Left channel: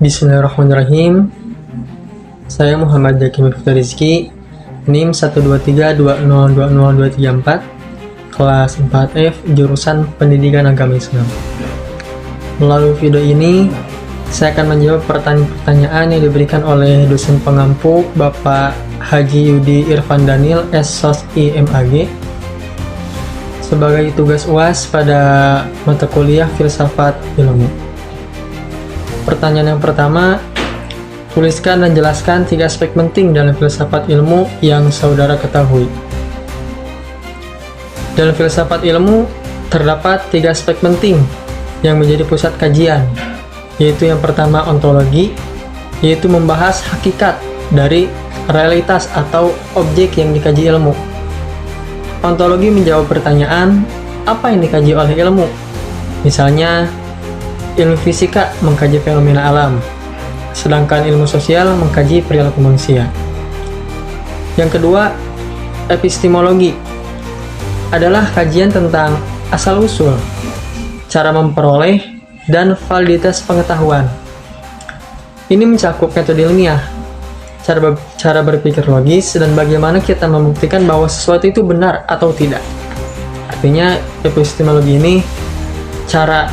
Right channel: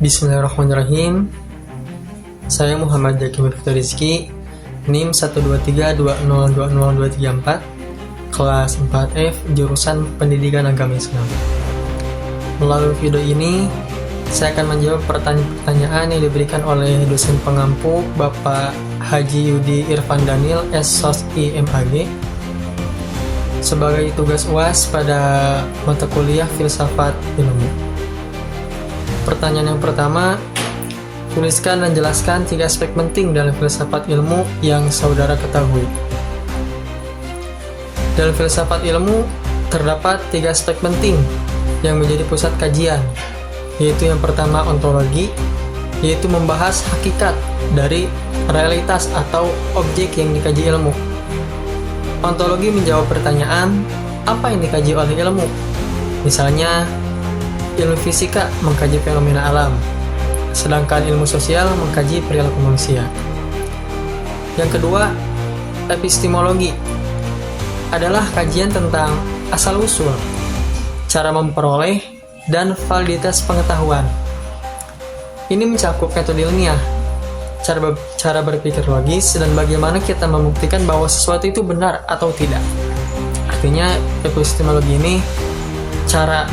Bismillahirrahmanirrahim. Saya Muhammad Zaki Mifta Rizky, NIM 12320202334, kelas 4F, jurusan Pendidikan Agama Islam. Melalui video ini, saya akan menjawab pertanyaan yang diberikan oleh dosen pengampu Bapak Haji Yudi Irfan Daniel, SSOSI MAG, sebagai tugas UAS pada mata kuliah Filsafat Ilmu. Pertanyaan yang pertama, tuliskan dan jelaskan 3 aspek penting dalam filsafat ilmu yang saudara ketahui. Dalam filsafat ilmu, terdapat 3 aspek penting yang menjadi pusat kajian, yaitu yang pertama ontologi, yaitu membahas hakikat dari realitas atau objek yang dikaji ilmu. Ontologi menjawab pertanyaan, apa yang dikaji oleh ilmu? Misalnya, ilmu fisika mengkaji fenomena alam, sedangkan ilmu sosial mengkaji perilaku manusia. Yang kedua, epistemologi adalah kajian tentang asal-usul, cara memperoleh, dan validitas pengetahuan. Ini mencakup metode ilmiah, cara berpikir logis, dan bagaimana kita membuktikan bahwa sesuatu itu benar atau tidak. Artinya, epistemologi ini cara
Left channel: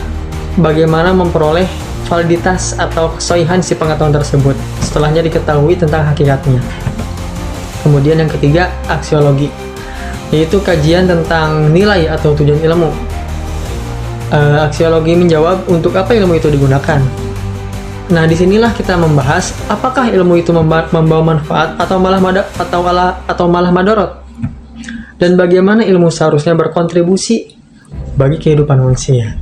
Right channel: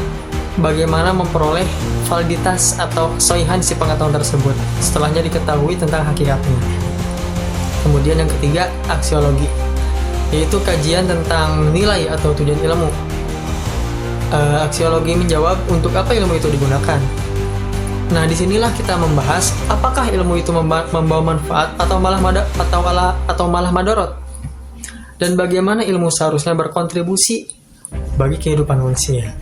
bagaimana memperoleh validitas atau kesohihan si pengetahuan tersebut setelahnya diketahui tentang hakikatnya. Kemudian yang ketiga, aksiologi, yaitu kajian tentang nilai atau tujuan ilmu. Aksiologi menjawab untuk apa ilmu itu digunakan. Nah, disinilah kita membahas apakah ilmu itu membawa manfaat atau malah madorot, dan bagaimana ilmu seharusnya berkontribusi bagi kehidupan manusia.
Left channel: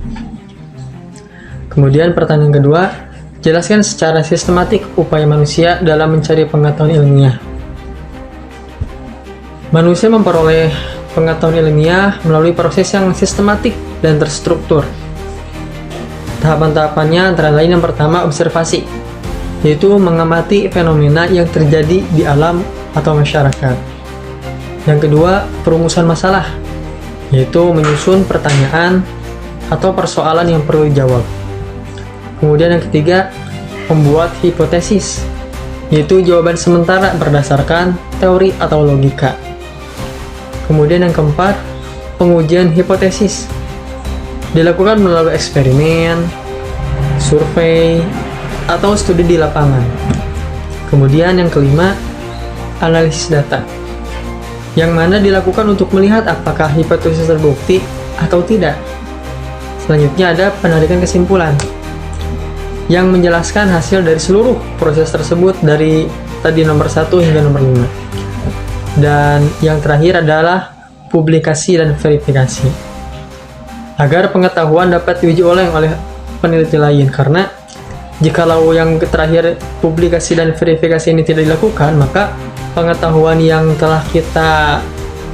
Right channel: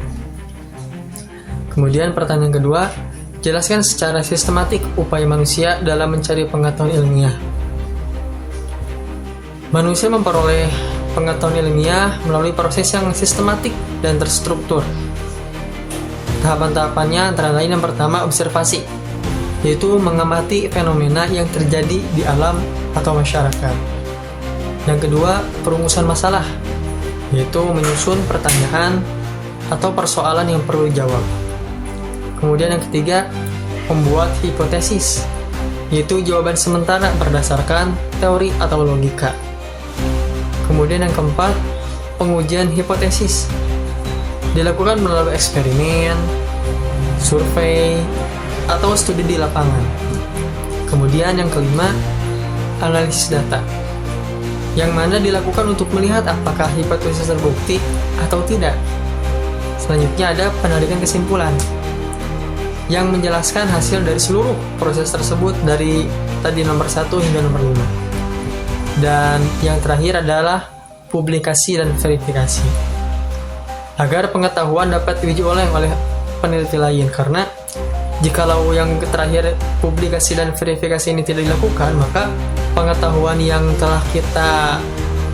Kemudian pertanyaan kedua, jelaskan secara sistematik upaya manusia dalam mencari pengetahuan ilmiah. Manusia memperoleh pengetahuan ilmiah melalui proses yang sistematik dan terstruktur. Tahapan-tahapannya antara lain yang pertama, observasi, yaitu mengamati fenomena yang terjadi di alam atau masyarakat. Yang kedua, perumusan masalah, yaitu menyusun pertanyaan atau persoalan yang perlu dijawab. Kemudian yang ketiga, membuat hipotesis, yaitu jawaban sementara berdasarkan teori atau logika. Kemudian yang keempat, pengujian hipotesis, dilakukan melalui eksperimen, survei, atau studi di lapangan. Kemudian yang kelima, analisis data, yang mana dilakukan untuk melihat apakah hipotesis terbukti atau tidak. Selanjutnya ada penarikan kesimpulan, yang menjelaskan hasil dari seluruh proses tersebut dari tadi nomor 1 hingga nomor 5. Dan yang terakhir adalah publikasi dan verifikasi, agar pengetahuan dapat diuji oleh peneliti lain. Karena jikalau yang terakhir publikasi dan verifikasi ini tidak dilakukan, maka pengetahuan yang telah kita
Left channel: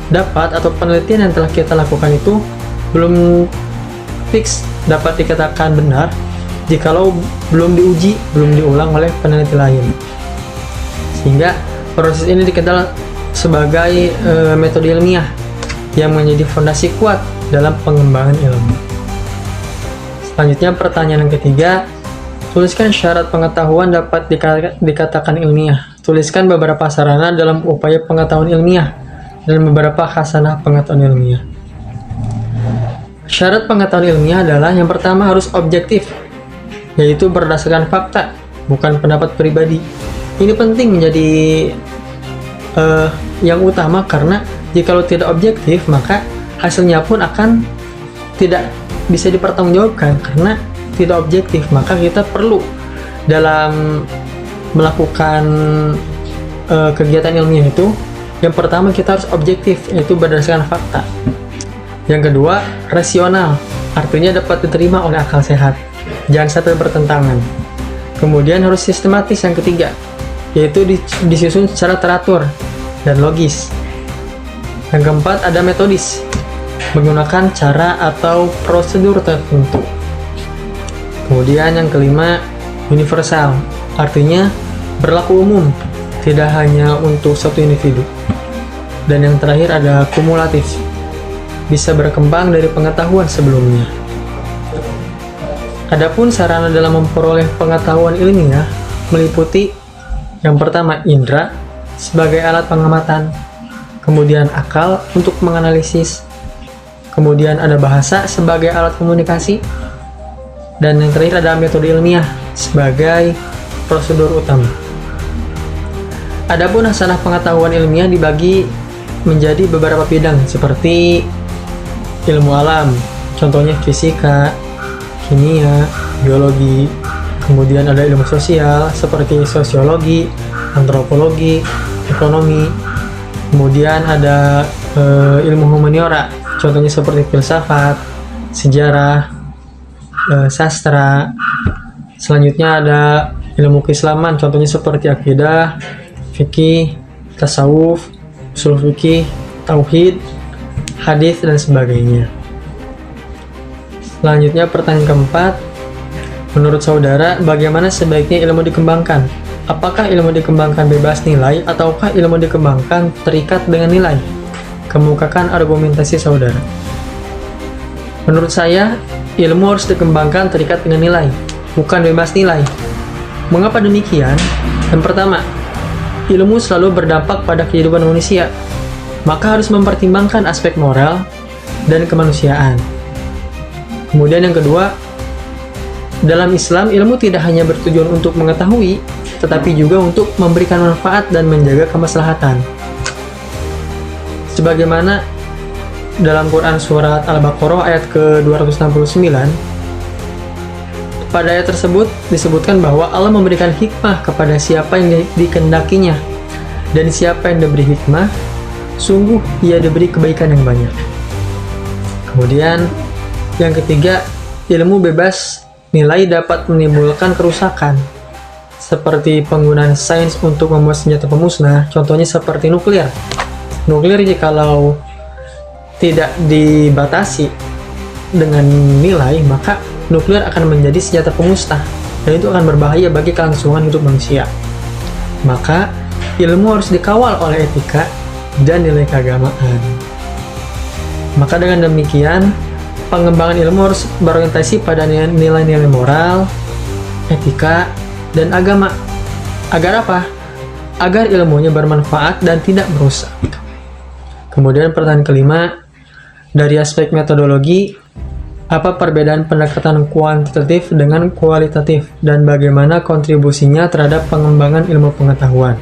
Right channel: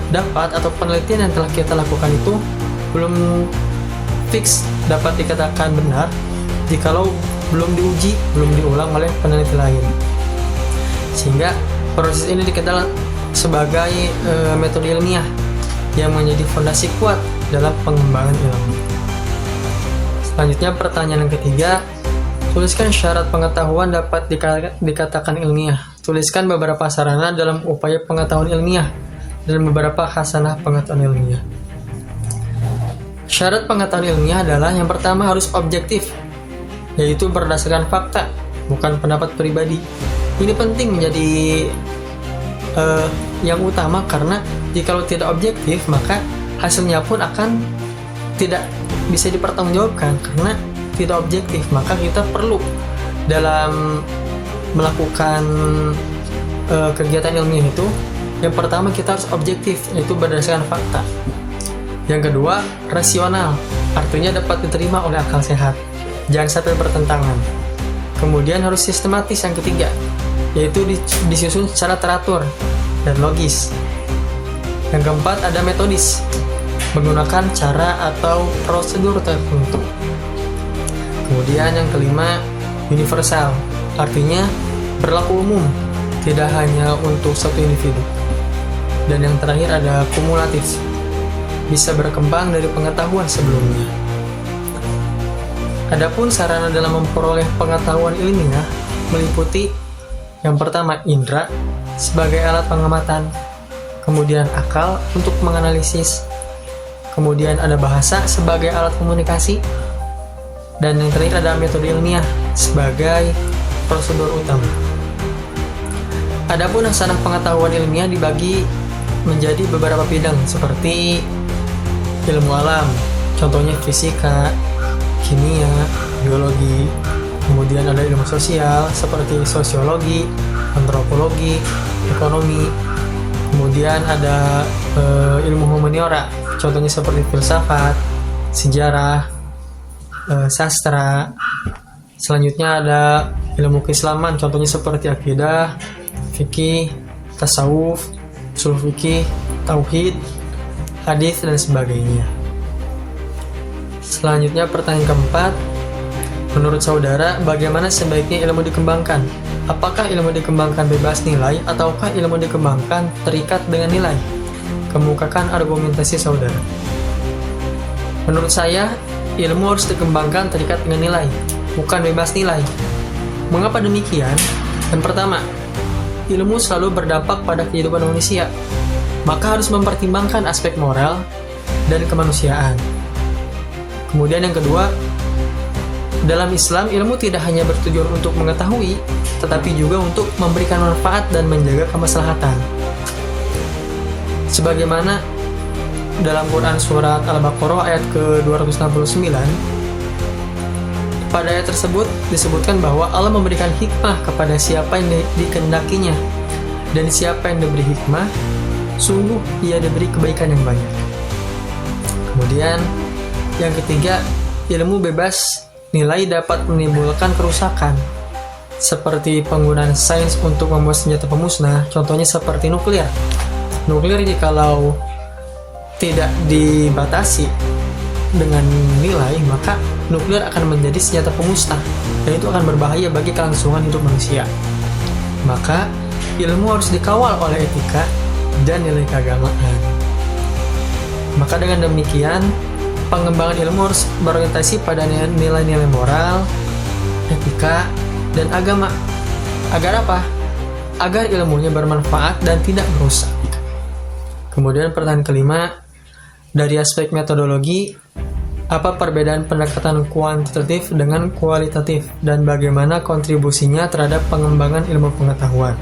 dapat atau penelitian yang telah kita lakukan itu belum fix dapat dikatakan benar jikalau belum diuji, belum diulang oleh peneliti lain. Sehingga proses ini dikenal sebagai metode ilmiah yang menjadi fondasi kuat dalam pengembangan ilmu. Selanjutnya pertanyaan yang ketiga, tuliskan syarat pengetahuan dapat dikatakan ilmiah. Tuliskan beberapa sarana dalam upaya pengetahuan ilmiah dan beberapa khasanah pengetahuan ilmiah. Syarat pengetahuan ilmiah adalah yang pertama harus objektif, yaitu berdasarkan fakta, bukan pendapat pribadi. Ini penting menjadi yang utama, karena jikalau tidak objektif maka hasilnya pun akan tidak bisa dipertanggungjawabkan. Karena tidak objektif, maka kita perlu dalam melakukan kegiatan ilmiah itu, yang pertama kita harus objektif, yaitu berdasarkan fakta. Yang kedua, rasional, artinya dapat diterima oleh akal sehat, jangan sampai bertentangan. Kemudian harus sistematis, yang ketiga, yaitu disusun secara teratur dan logis. Yang keempat ada metodis, menggunakan cara atau prosedur tertentu. Kemudian yang kelima, universal, artinya berlaku umum, tidak hanya untuk satu individu. Dan yang terakhir ada kumulatif, bisa berkembang dari pengetahuan sebelumnya. Adapun sarana dalam memperoleh pengetahuan ilmiah meliputi yang pertama indera sebagai alat pengamatan, kemudian akal untuk menganalisis, kemudian ada bahasa sebagai alat komunikasi, dan yang terakhir ada metode ilmiah sebagai prosedur utama. Adapun hasanah pengetahuan ilmiah dibagi menjadi beberapa bidang seperti ilmu alam, contohnya fisika, kimia, biologi, kemudian ada ilmu sosial seperti sosiologi, antropologi, ekonomi, kemudian ada ilmu humaniora, contohnya seperti filsafat, sejarah, sastra. Selanjutnya ada ilmu keislaman, contohnya seperti akidah, fikih, tasawuf, usul fikih, tauhid, hadis, dan sebagainya. Selanjutnya pertanyaan keempat, menurut saudara bagaimana sebaiknya ilmu dikembangkan? Apakah ilmu dikembangkan bebas nilai ataukah ilmu dikembangkan terikat dengan nilai? Kemukakan argumentasi saudara. Menurut saya, ilmu harus dikembangkan terikat dengan nilai, bukan bebas nilai. Mengapa demikian? Yang pertama, ilmu selalu berdampak pada kehidupan manusia, maka harus mempertimbangkan aspek moral dan kemanusiaan. Kemudian yang kedua, dalam Islam ilmu tidak hanya bertujuan untuk mengetahui, tetapi juga untuk memberikan manfaat dan menjaga kemaslahatan. Sebagaimana dalam Quran surat Al-Baqarah ayat ke-269, pada ayat tersebut disebutkan bahwa Allah memberikan hikmah kepada siapa yang dikehendakinya, dan siapa yang diberi hikmah, sungguh ia diberi kebaikan yang banyak. Kemudian yang ketiga, ilmu bebas nilai dapat menimbulkan kerusakan, seperti penggunaan sains untuk membuat senjata pemusnah, contohnya seperti nuklir. Nuklir jikalau tidak dibatasi dengan nilai, maka nuklir akan menjadi senjata pemusnah, dan itu akan berbahaya bagi kelangsungan hidup manusia. Maka ilmu harus dikawal oleh etika dan nilai keagamaan. Maka dengan demikian, pengembangan ilmu harus berorientasi pada nilai-nilai moral, etika, dan agama. Agar apa? Agar ilmunya bermanfaat dan tidak merusak. Kemudian pertanyaan kelima, dari aspek metodologi, apa perbedaan pendekatan kuantitatif dengan kualitatif dan bagaimana kontribusinya terhadap pengembangan ilmu pengetahuan?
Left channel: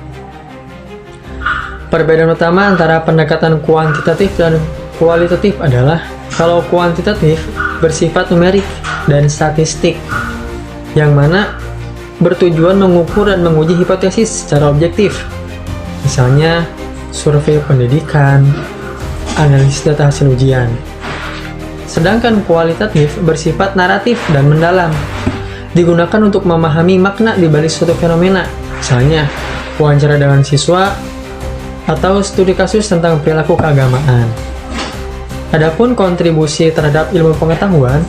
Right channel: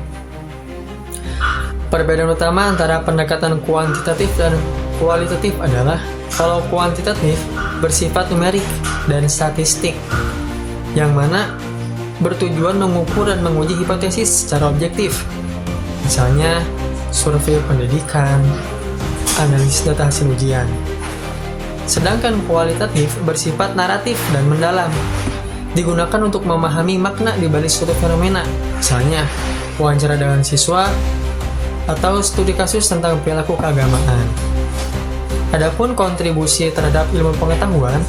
Perbedaan utama antara pendekatan kuantitatif dan kualitatif adalah kalau kuantitatif bersifat numerik dan statistik, yang mana bertujuan mengukur dan menguji hipotesis secara objektif. Misalnya, survei pendidikan, analisis data hasil ujian. Sedangkan kualitatif bersifat naratif dan mendalam, digunakan untuk memahami makna di balik suatu fenomena. Misalnya, wawancara dengan siswa atau studi kasus tentang perilaku keagamaan. Adapun kontribusi terhadap ilmu pengetahuan,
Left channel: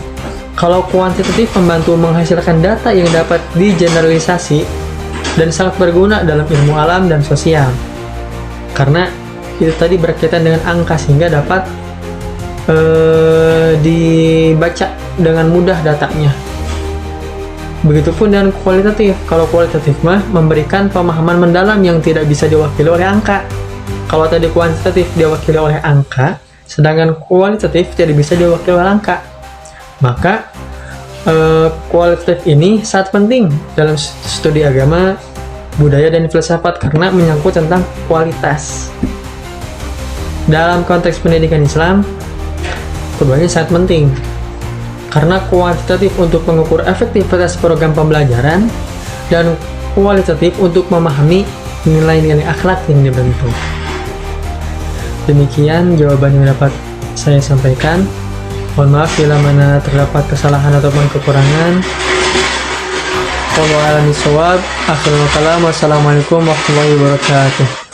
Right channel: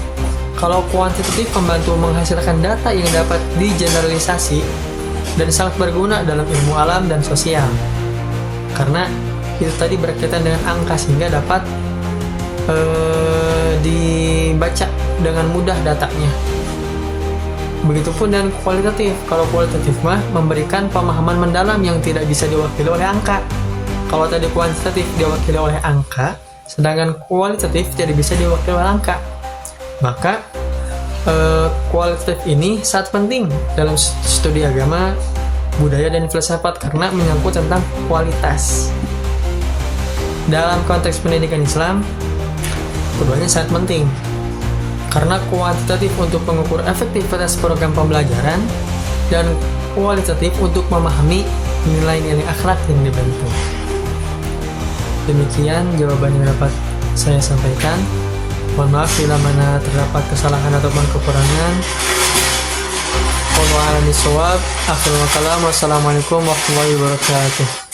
kalau kuantitatif membantu menghasilkan data yang dapat digeneralisasi dan sangat berguna dalam ilmu alam dan sosial. Karena itu tadi berkaitan dengan angka sehingga dapat dibaca dengan mudah datanya. Begitupun dengan kualitatif. Kalau kualitatif mah memberikan pemahaman mendalam yang tidak bisa diwakili oleh angka. Kalau tadi kuantitatif diwakili oleh angka, sedangkan kualitatif tidak bisa diwakili oleh angka. Maka kualitatif ini sangat penting dalam studi agama, budaya, dan filsafat karena menyangkut tentang kualitas. Dalam konteks pendidikan Islam, keduanya sangat penting karena kuantitatif untuk mengukur efektivitas program pembelajaran dan kualitatif untuk memahami nilai-nilai akhlak yang dibentuk. Demikian jawaban yang dapat saya sampaikan. Mohon maaf bila mana terdapat kesalahan ataupun kekurangan. Wallahu a'lam bishawab. Akhirul kalam. Wassalamualaikum warahmatullahi wabarakatuh.